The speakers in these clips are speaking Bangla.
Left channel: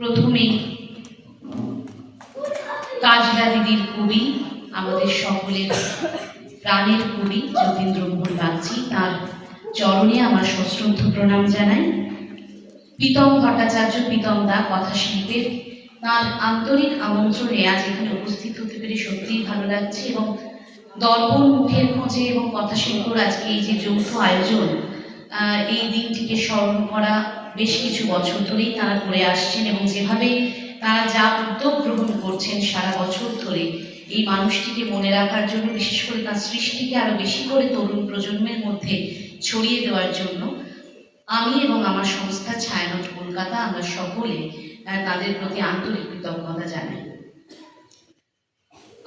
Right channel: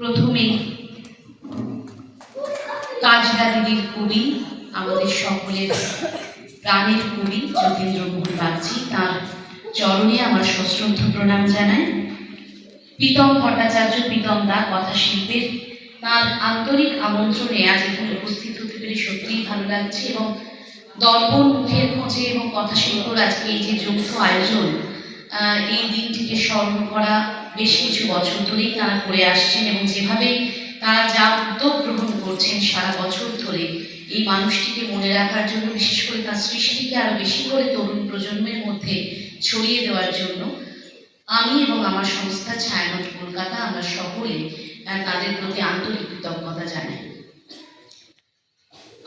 প্রথমেই কাজলা দিদির কবি, আমাদের সকলের প্রাণের কবি যতীন্দ্রমোহন বাগচি, তার চরণে আমার সশ্রদ্ধ প্রণাম জানাই। প্রীতম ভট্টাচার্য, প্রীতম দা কথা শিল্পের, তার আন্তরিক আমন্ত্রণে আজ এখানে উপস্থিত হতে পেরে সত্যিই ভালো লাগছে। এবং দর্পণ মুখের খোঁজে এবং কথা শিল্পর আজকে এই যে যৌথ আয়োজন, এই দিনটিকে স্মরণ করা বেশ কিছু বছর ধরেই তারা করে আসছেন, এবং যেভাবে তারা যা উদ্যোগ গ্রহণ করছেন সারা বছর ধরে এই মানুষটিকে মনে রাখার জন্য, বিশেষ করে তার সৃষ্টিকে আরো বেশি করে তরুণ প্রজন্মের মধ্যে ছড়িয়ে দেওয়ার জন্য, আমি এবং আমার সংস্থা ছায়ানট কলকাতা আমরা সকলে তাদের প্রতি আন্তরিক কৃতজ্ঞতা জানাই।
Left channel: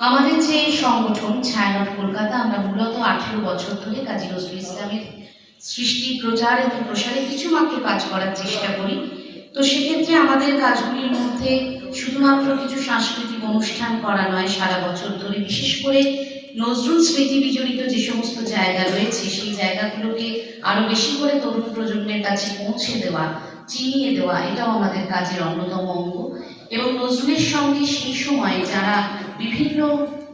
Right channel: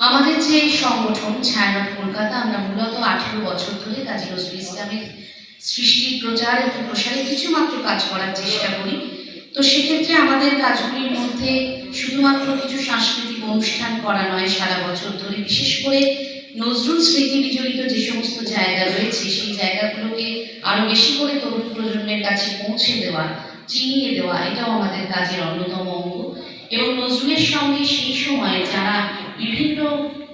আমাদের যে সংগঠন ছায়ানট কলকাতা, আমরা মূলত 18 বছর ধরে কাজী নজরুল ইসলামের সৃষ্টি, প্রচার এবং প্রসারে কিছুমাত্র কাজ করার চেষ্টা করি। তো সেক্ষেত্রে আমাদের কাজগুলির মধ্যে শুধুমাত্র কিছু সাংস্কৃতিক অনুষ্ঠান করা নয়, সারা বছর ধরে বিশেষ করে নজরুল স্মৃতি বিজড়িত যে সমস্ত জায়গা রয়েছে সেই জায়গাগুলোকে আরো বেশি করে তরুণ প্রজন্মের কাছে পৌঁছে দেওয়া, চিনিয়ে দেওয়া, এটাও আমাদের কাজের অন্যতম অঙ্গ। এবং নজরুলের সঙ্গে সেই সময় যারা বিভিন্ন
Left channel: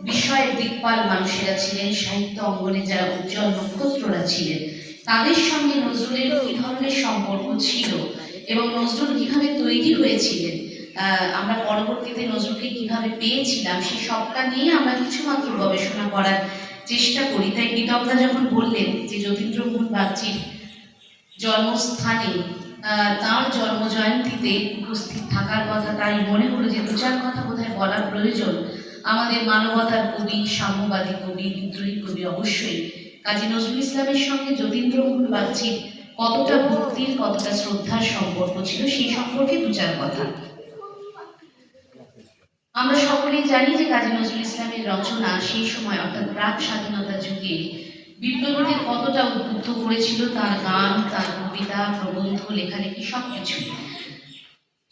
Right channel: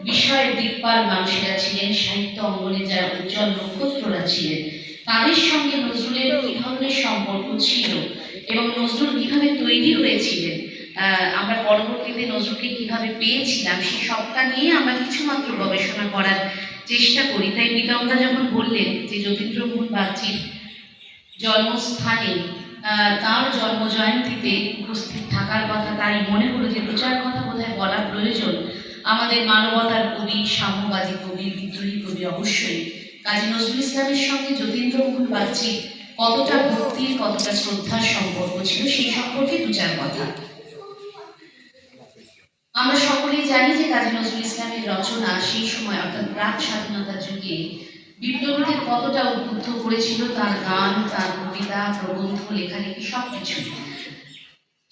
বিষয়ের দিকপাল মানুষেরা ছিলেন, সাহিত্য অঙ্গনে যারা উজ্জ্বল নক্ষত্ররা ছিলেন, তাদের সঙ্গে নজরুলের কি ধরনের সম্পর্ক ছিল এবং নজরুল কিভাবে তৈরি হয়েছিলেন, আমরা পরবর্তীতে নজরুলকে কিভাবে পেয়েছিলাম, সেই সবটা নিয়ে আমরা কিছুমাত্র গবেষণা করার চেষ্টা করি। তাই প্রীতমদা যখন বললেন যে যতীন্দ্রমোহন বাগচির জন্মস্থানে তার জন্ম জয়ন্তীতে উপস্থিত থাকার কথা, তাই মনে হলো যে দু চার কথা বোধহয় বলার প্রয়োজন। আমাদের মানবতার কবি, সাম্যবাদী কবি, বিদ্রোহী কবি অবশ্যই কাজী নজরুল ইসলামের সঙ্গে যতীন্দ্রমোহন বাগচির কতটা ভক্তির, কতটা শ্রদ্ধার সম্পর্ক ছিল সেই সম্পর্কে দু চার কথা। আমরা সকলেই জানি যে কাজী নজরুল ইসলামের রচনা সেই সময় অর্থাৎ প্রাক স্বাধীনতা যুগে বিপ্লবীদের কতটা উদ্বুদ্ধ করেছিল, তার গান, তার কবিতা, প্রবন্ধ, লেখালেখি সবকিছু।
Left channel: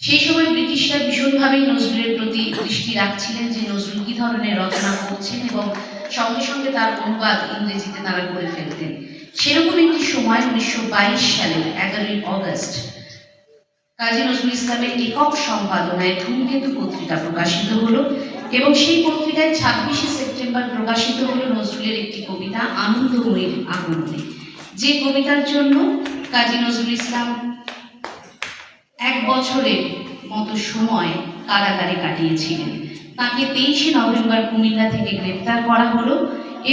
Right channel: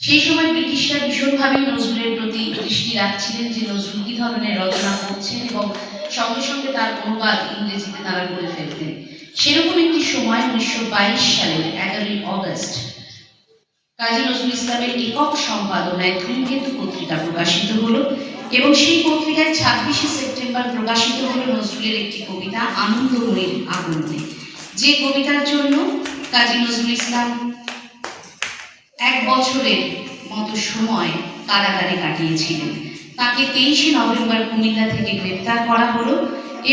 সেই সময় ব্রিটিশরা ভীষণভাবে নজরুলের প্রতি দৃষ্টি রাখছিলেন যে নজরুল কি ধরনের রচনা করছেন, এবং সঙ্গে সঙ্গে তার অনুবাদ ইংরেজিতে তারা করে ফেলতেন। সেরকম একটি সময় 1922 সালে 11ই অগস্ট কাজী নজরুল ইসলামের একক সম্পাদনায় ধূমকেতু পত্রিকা প্রকাশিত হলো, এবং সেই পত্রিকায় 26শে সেপ্টেম্বর প্রকাশিত হলো নজরুলের একটি কবিতা আনন্দময়ীর আগমনে, যে কবিতার জন্য কাজী নজরুল ইসলাম 1 বছরের মতো সময় কারাগারে কাটিয়েছিলেন। তাকে 23শে নভেম্বর কুমিল্লা থেকে গ্রেপ্তার করা হলো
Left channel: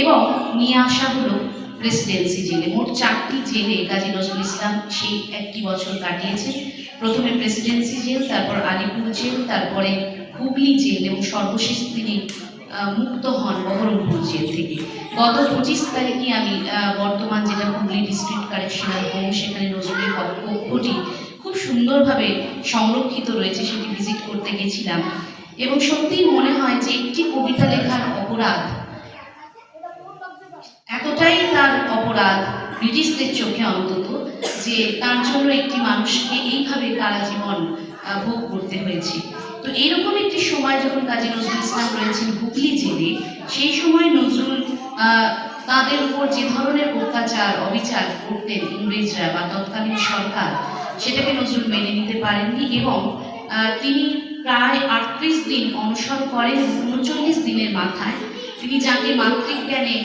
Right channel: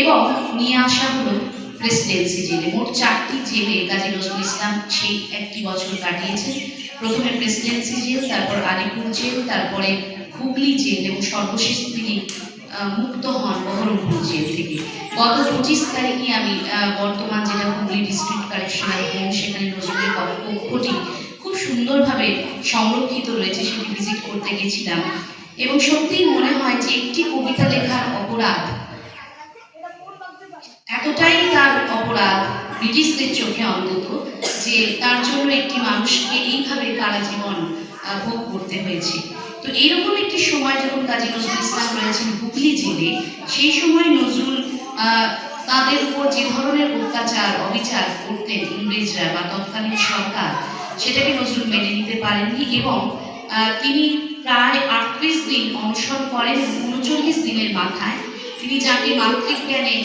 এবং নিয়ে আসা হলো প্রেসিডেন্সি জেলে। মোট 4টি জেলে কাজী নজরুল ইসলাম সেই 1 বছর কাটিয়েছেন। প্রথমে প্রেসিডেন্সি জেল, তারপর আলিপুর জেল, তারপরে হুগলি জেল, এবং সর্বশেষ তিনি মুক্ত হন বহরমপুর জেল থেকে। গত 25 তারিখে আমি বর্তমান যেটা হুগলি ডিস্ট্রিক্ট কারেকশনাল হোম, সেখানে নজরুলের কক্ষটি খুব সুন্দরভাবে সংরক্ষিত রয়েছে, সেটি ভিজিট করতে গেছিলাম। এবং সত্যিই মনে হয় যে একটি কবিতা লেখার অপরাধ, এতটাই তার অপরাধ ব্রিটিশদের চোখে অন্তত, যে তার জন্য একটি মানুষকে এইভাবে তারা জীবন ভোগ করতে হয়েছে। তো এইরকম একটি সময় যখন কাজী নজরুল ইসলাম রয়েছেন হুগলি জেলে, সেই সময় নজরুল তাদের উপর যে ধরনের অত্যাচার, অবিচার করতেন ইংরেজরা বা তৎকালীন সরকার, সেটাকে নজরুল মেনে নিতে পারেননি, এবং তিনি প্রায় 38 দিন অনশন করেন। 39 দিনের মাথায় তিনি যাকে মাতৃজ্ঞানে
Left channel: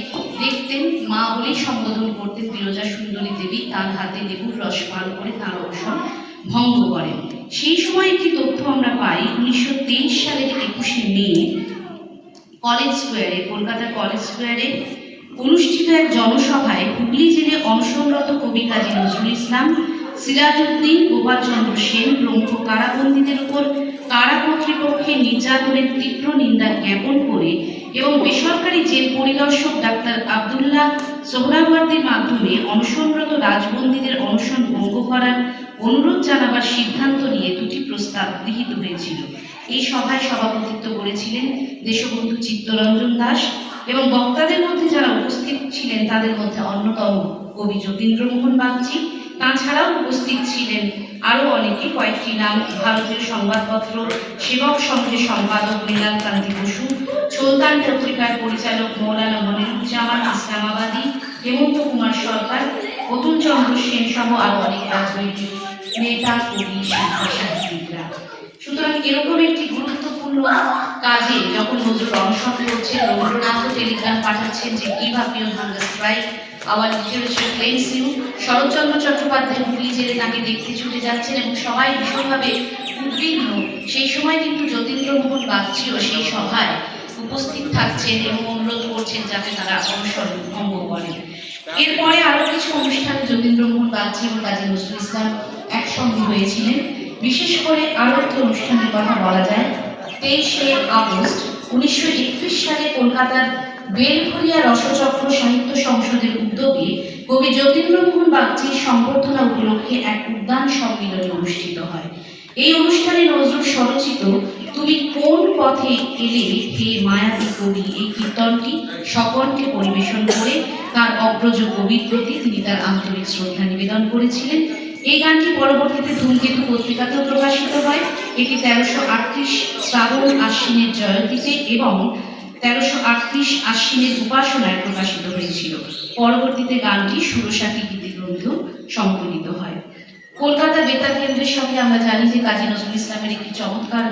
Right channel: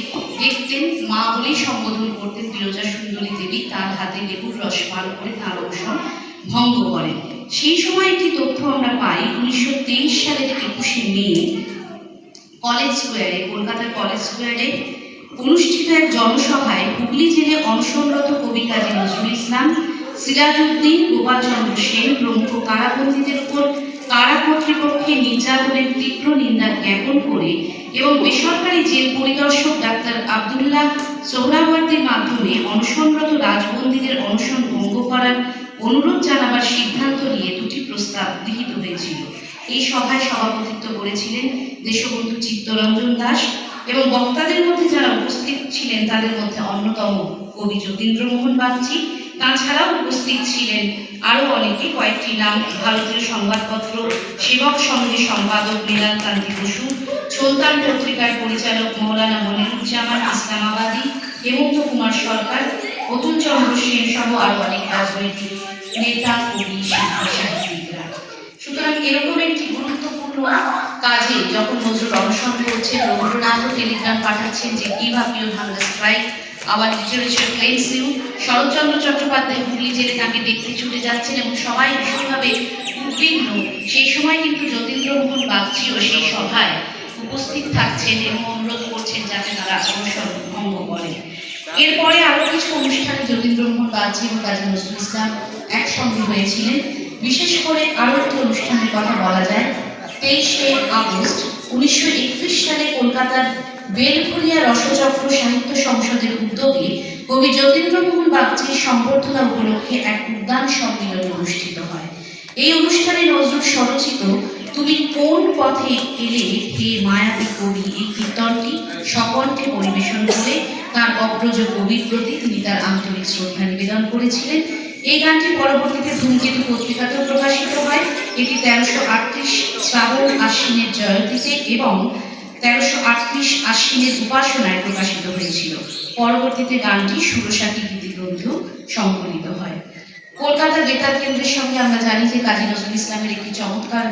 দেখতেন, মা বলেই সম্বোধন করতেন, বিরজা সুন্দরী দেবী, তার হাতে লেবুর রস পান করে তার অনশন ভঙ্গ করেন। সেই সময় একটি তথ্য আমরা পাই, 1923 সালের 21শে মে কলেজ স্কোয়ারে, কলকাতার কলেজ স্কোয়ারে অনুষ্ঠিত এক জনসভায় হুগলি জেলে অনশনরত কবি কাজী নজরুল ইসলাম, সিরাজউদ্দিন, গোপালচন্দ্র সেন প্রমুখ কারাবন্দীদের উপর কারা কর্তৃপক্ষের নির্যাতনের তীব্র নিন্দা জ্ঞাপন করে এবং বেসরকারি জেল পরিদর্শক ডাক্তার আব্দুল্লাহ সোহরাওয়ার্দীর মাধ্যমে অনশনরত রাজবন্দীদের অনশন ভঙ্গ করার অনুরোধ জানাবার সিদ্ধান্ত নিয়ে 2টি প্রস্তাব গৃহীত হয়েছিল। এই সভায় সভাপতিত্ব করেছিলেন দেশবন্ধু চিত্তরঞ্জন দাস, এবং বক্তাদের মধ্যে যারা উপস্থিত ছিলেন তাদের মধ্যে অন্যতম কবি যতীন্দ্রমোহন বাগচি। তাছাড়াও উপস্থিত ছিলেন আরো অনেকে। কয়েকটি নাম: ভারতীয় সংবাদপত্র সেবক সংঘের সম্পাদক নীলাকান্তি বসু, সুলতান পত্রিকার পরিচালক মৌলানা মনিরুজ্জামান ইসলামাবাদী, হেমন্ত কুমার সরকার, অতুল চন্দ্র সেন সহ আরো অনেক রাজনৈতিক নেতা, কবি, সাহিত্যিকরা। সুতরাং কাজে যখন নজরুল অনশন করছেন, রবীন্দ্রনাথও টেলিগ্রাম পাঠাচ্ছেন যে give up your hunger strike, our literature claims you. Sharatchandra Chattopadhyay Hooghly জেলে তাকে দেখতে ছুটে যাচ্ছেন এবং সবাই ভীষণভাবে উদ্বিগ্ন। সেই সময় কিন্তু যতীন্দ্রমোহন বাগচিও সেই সভায় উপস্থিত থাকছেন এবং অনুরোধ করছেন যাতে তারা অনশন ভঙ্গ করেন। এরপরে আরো কিছু অনুষ্ঠানে যতীন্দ্রমোহন বাগচি এবং কাজী নজরুল ইসলাম একসঙ্গে হয়েছিলেন। বিশেষ করে আরো একটি অনুষ্ঠানের কথা বলা যায়। 23শে আগস্ট 1921 সালে কলকাতার বেলঘরিয়া রসচক্র সাহিত্য সংসদের উদ্যোগে কবি যতীন্দ্রমোহন বাগচির সংবর্ধনা উপলক্ষে এক উদ্যান সম্মেলন অনুষ্ঠিত হয়। এই অনুষ্ঠানে নজরুল স্বরচিত তুমি কোন পথে এলে হে মায়াবী কবি এই কীর্তনটি সকণ্ঠে পরিবেশন করে তার অগ্রজ কবির প্রতি তিনি তার আন্তরিক শ্রদ্ধা নিবেদন করেছিলেন। এই গানটি পরবর্তীতে ধূমকেতু পত্রিকাতেও প্রকাশিত হয়। এটি 1338 শ্রাবণ আশ্বিনের জয়ন্তীতে এবং 1338 আশ্বিনের উপাসনায় প্রকাশিত হয়েছিল। পরবর্তীতে গানটি সুরসাথী গীতিগ্রন্থেও সংকলিত হয়। কলকাতা বেতার কেন্দ্রের সঙ্গে আমরা জানি যে কাজী নজরুল ইসলামের একটি চমৎকার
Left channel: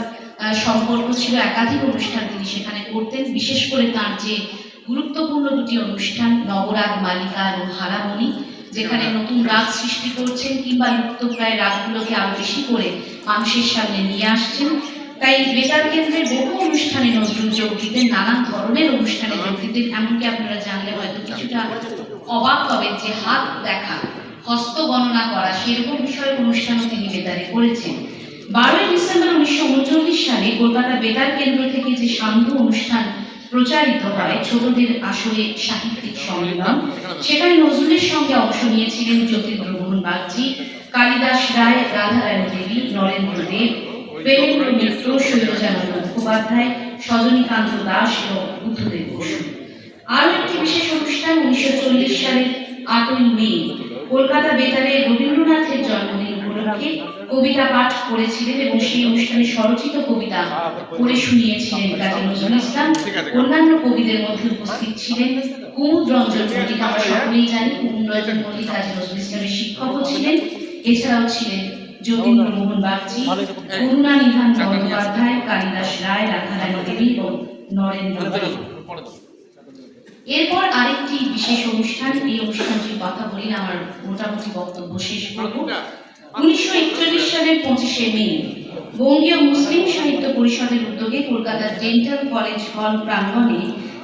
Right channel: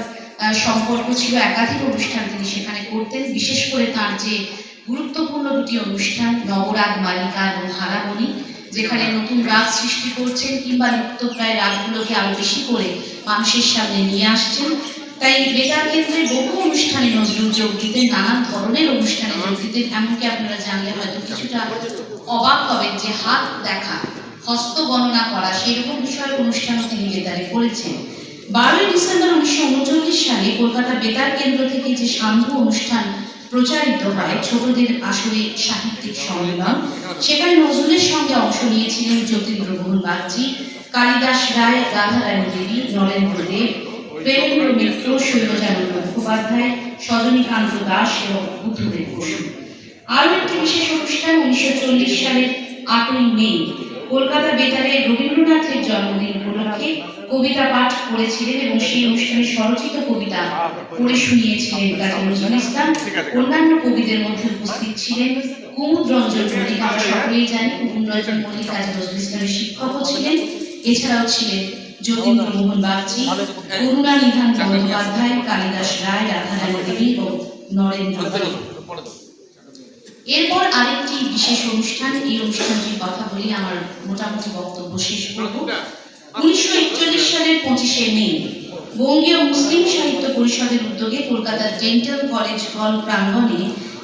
সম্পর্ক ছিল। একাধিক অনুষ্ঠান তিনি সেখানে করতেন। বিশেষ করে তার যে গুরুত্বপূর্ণ দুটি অনুষ্ঠান নবরাগ মালিকা এবং হারামণি, যেখানে নতুন রাগ সৃষ্টি করছেন কিংবা লুপ্তপ্রায় রাগগুলোকে আরো বেশি করে মানুষের সামনে নিয়ে আসছেন। তাই বেতার কেন্দ্রের বহু অনুষ্ঠানে নজরুল যোগ দিতেন, নানান ধরনের অনুষ্ঠানে যোগ দিতেন। এমনকি আপনারা জানলে হয়তো কিছুটা অবাক হবেন যে হাত দেখা, হস্ত গণনা করা সেরকম বিষয়ক অনুষ্ঠানও তিনি বেতারে করেছেন। 12ই ডিসেম্বর 1939 সালে কলকাতা বেতার কেন্দ্র থেকে যে সান্ধ্য অনুষ্ঠান প্রচারিত হয় ছোটদের আসরে সাহিত্যিক সম্মেলন, সেখানে নজরুলের সঙ্গে অংশ নিয়েছিলেন যতীন্দ্রমোহন বাগচি, কালিদাস রায়, রাধারানী দেবী, নরেন্দ্র দেব, বীরেন্দ্র মিত্র, শৈলজানন্দ মুখোপাধ্যায়, সজনীকান্ত দাস এবং বুদ্ধদেব বসু। আরও একটি বিশেষ অনুষ্ঠান 1940 সালের 8ই মে কলকাতা বেতারে রবীন্দ্রনাথের জন্মদিন উপলক্ষে কবিতা পাঠ করেছিলেন এবং সেই অনুষ্ঠানে স্বরচিত কবিতা পড়ে শুনিয়েছিলেন কাজী নজরুল ইসলাম। অন্যান্য কবিদের মধ্যে উপস্থিত ছিলেন কুমুদ রঞ্জন মল্লিক। আমরা সকলেই জানি কুমুদ রঞ্জন মল্লিক কাজী নজরুল ইসলামের শিক্ষকও ছিলেন। এছাড়াও ছিলেন যতীন্দ্রমোহন বাগচি, করুণানিধান বন্দ্যোপাধ্যায়, কালিদাস রায়, রাধারানী দেবী এবং নরেন্দ্র দেব। এরপর আরেকটি বিশেষ অনুষ্ঠান, এই অনুষ্ঠানটির কথা বলি আমার মোটামুটি বক্তব্য শেষ করব। 1941 সালের 25শে মে বঙ্গীয় মুসলিম সাহিত্য পরিষদের উদ্যোগে কলকাতার ডেন্টাল কলেজ হল প্রাঙ্গণে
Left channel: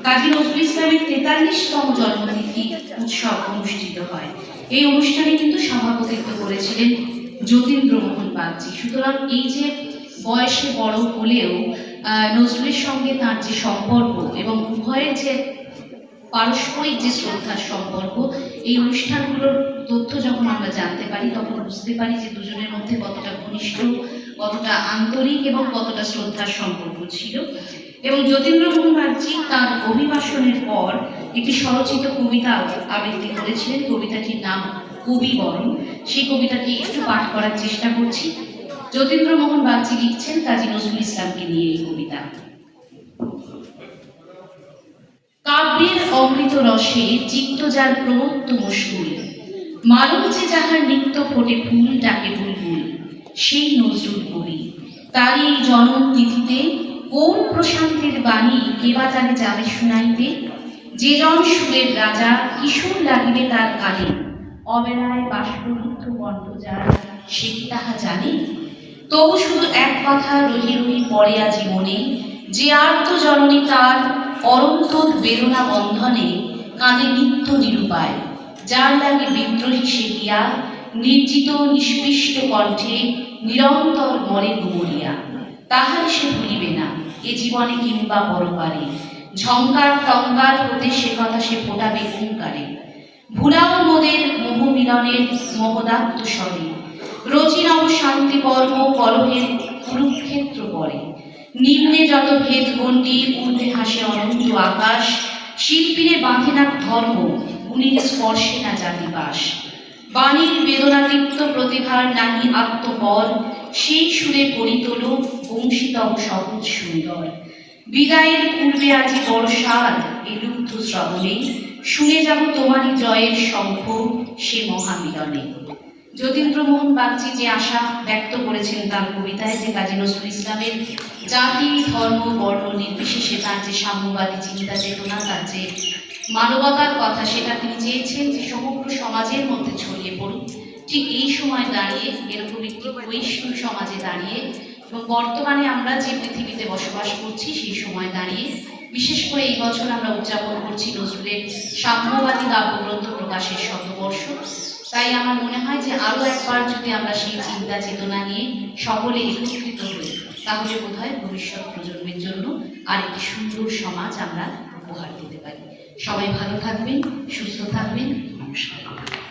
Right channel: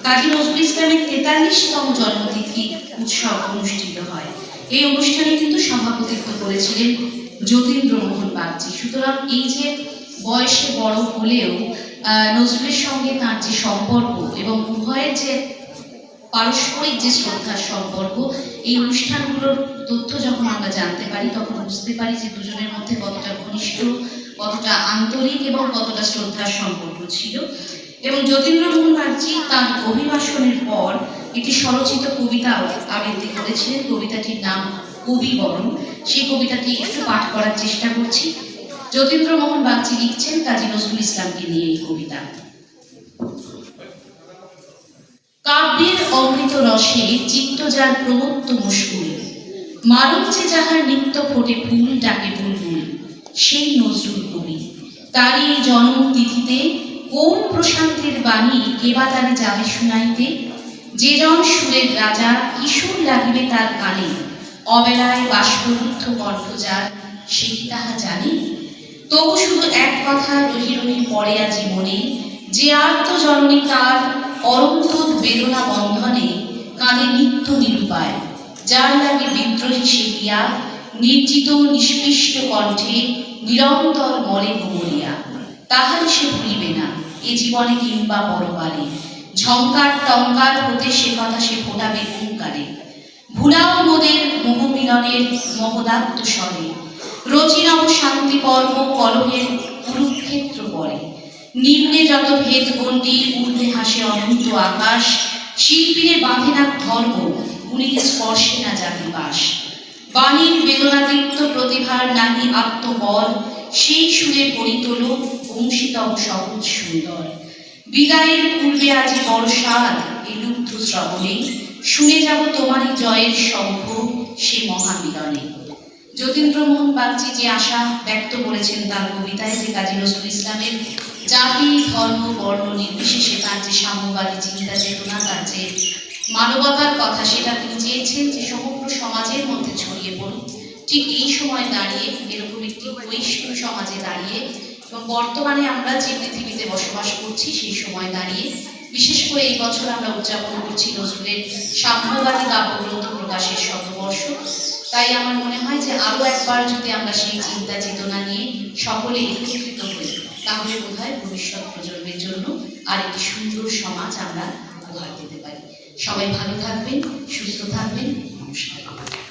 কাজী নজরুল ইসলামের 43তম জন্মতিথি উৎসব অনুষ্ঠিত হয়। এই অনুষ্ঠানে কিন্তু সভাপতিত্ব করেছিলেন যতীন্দ্রমোহন বাগচি। সুতরাং এই যে বয়সে বড় হলেও নজরুলের সঙ্গে তার যে সম্পর্ক এবং উভয়ের যে পারস্পরিক যে শ্রদ্ধার সম্পর্ক, এই অনুষ্ঠানগুলোর তথ্য যখন আমরা জানতে পারি তখন বুঝতে পারি যে দুজনের মধ্যে কতটা ঘনিষ্ঠ, কতটা আন্তরিক এবং কতটা শ্রদ্ধার সম্পর্ক ছিল। এবং যতীন্দ্রমোহন বাগচি তার অভিভাষণের পর একটি স্বরচিত কবিতা আবৃত্তি করেছিলেন। কবিতাটির নাম কবি বরণ। সেই কবিতাটি একটু পাঠ করার চেষ্টা করছি। যতীন্দ্রমোহন বাগচি লিখছেন কাজী নজরুল ইসলামকে নিয়ে এই কবিতা। কাব্যের অমৃত রসে চিত্ত যার প্রমত্ত মুশকুল, মানব যে যাহার নিত্য ফোটে ফুল ডাকে বুলবুল, সেই নজরুল কবি। তারই জন্ম তিথিতে কোন প্রশান্তির বাণী কেবা তারে যাবে শুনাইতে, যে জন সুরের রাজা কিশোর লাগিবে তার কানে, অবেলায় বাষ্পরুদ্ধ কণ্ঠ যার সে কি তাহা জানে। তবু শুধু এক কথা রহি রহি পড়ে আজি মনে, যে আর্ত জননী তার অরন্ত বেদনা বন্ধনে কাঁদে নিত্য নিরুপায়, যার লাগে বিদ্রোহী সে গিয়া নির্জিত নিষ্পৃষ্ট কণ্ঠে নিরন্তর মরে ভুমরিয়া, তাহার সে ভুলিবে না এ জীবনে কিংবা পরকালে, ঝঙ্কার টঙ্কার হতে সে কথা সে ফোটাবে হুঙ্কারে, ভুলাও মোদের মোহমিলনের মহদাত্ত স্বরে, রচিনব শান্তি কর্ম কলহের কুরুক্ষেত্র পরে, নিম্নে যত ভেদ গণ্ডি ঊর্ধ্বে হাসে অনন্ত আকাশ, শিল্পীরে বাঁধে না ধর্ম উনিকে স্পর্শে না জাতি বাস, বাণীর বেদনাদীপ্ত প্রতিভার নাহি আত্মপর, সেই সুরে পরিতল বংশীতম সহজ সুন্দর, বিদায়ের পূর্বে আজি বড় সাদ এই লুব্ধ শ্রবণে, শুনে যাব তোমারই জয়ের শঙ্খ সে মহামিলনে। যতীন্দ্রমোহন বাগচি যে আশা ব্যক্ত করেছেন তার কবিতায় যে কাজী নজরুল ইসলামের জাতি ধর্ম বর্ণ নির্বিশেষে তার যে সাম্যবাদী চিন্তা চেতনা, তার যে মানবতার কথা, সেটা তিনি চেয়েছেন যে সমগ্র সমাজের মধ্যে ছড়িয়ে পড়ুক। ঠিক এই সময় দাঁড়িয়ে, এরকম একটি বৈষ্ণব সমাজে দাঁড়িয়ে এবং বর্তমানে আমরা যে পৃথিবীতে বসবাস করছি সেই সময় দাঁড়িয়ে, বিশেষ করে এই বছর আমরা উদযাপন করছি নজরুলের সাম্যবাদী কাব্যগ্রন্থ প্রকাশের শতবর্ষ। তাই আমার মনে হয় যে আরও একবার যদি আমরা সেই চিন্তা চেতনা নিয়ে সকলে একত্রিত হই, তাহলে বোধহয় ভবিষ্যৎ প্রজন্মের জন্য আর একটি সুন্দর সমাজ আমরা উপহার দিতে পারি। সবাই ভালো থাকবেন, সুস্থ থাকবেন। নমস্কার।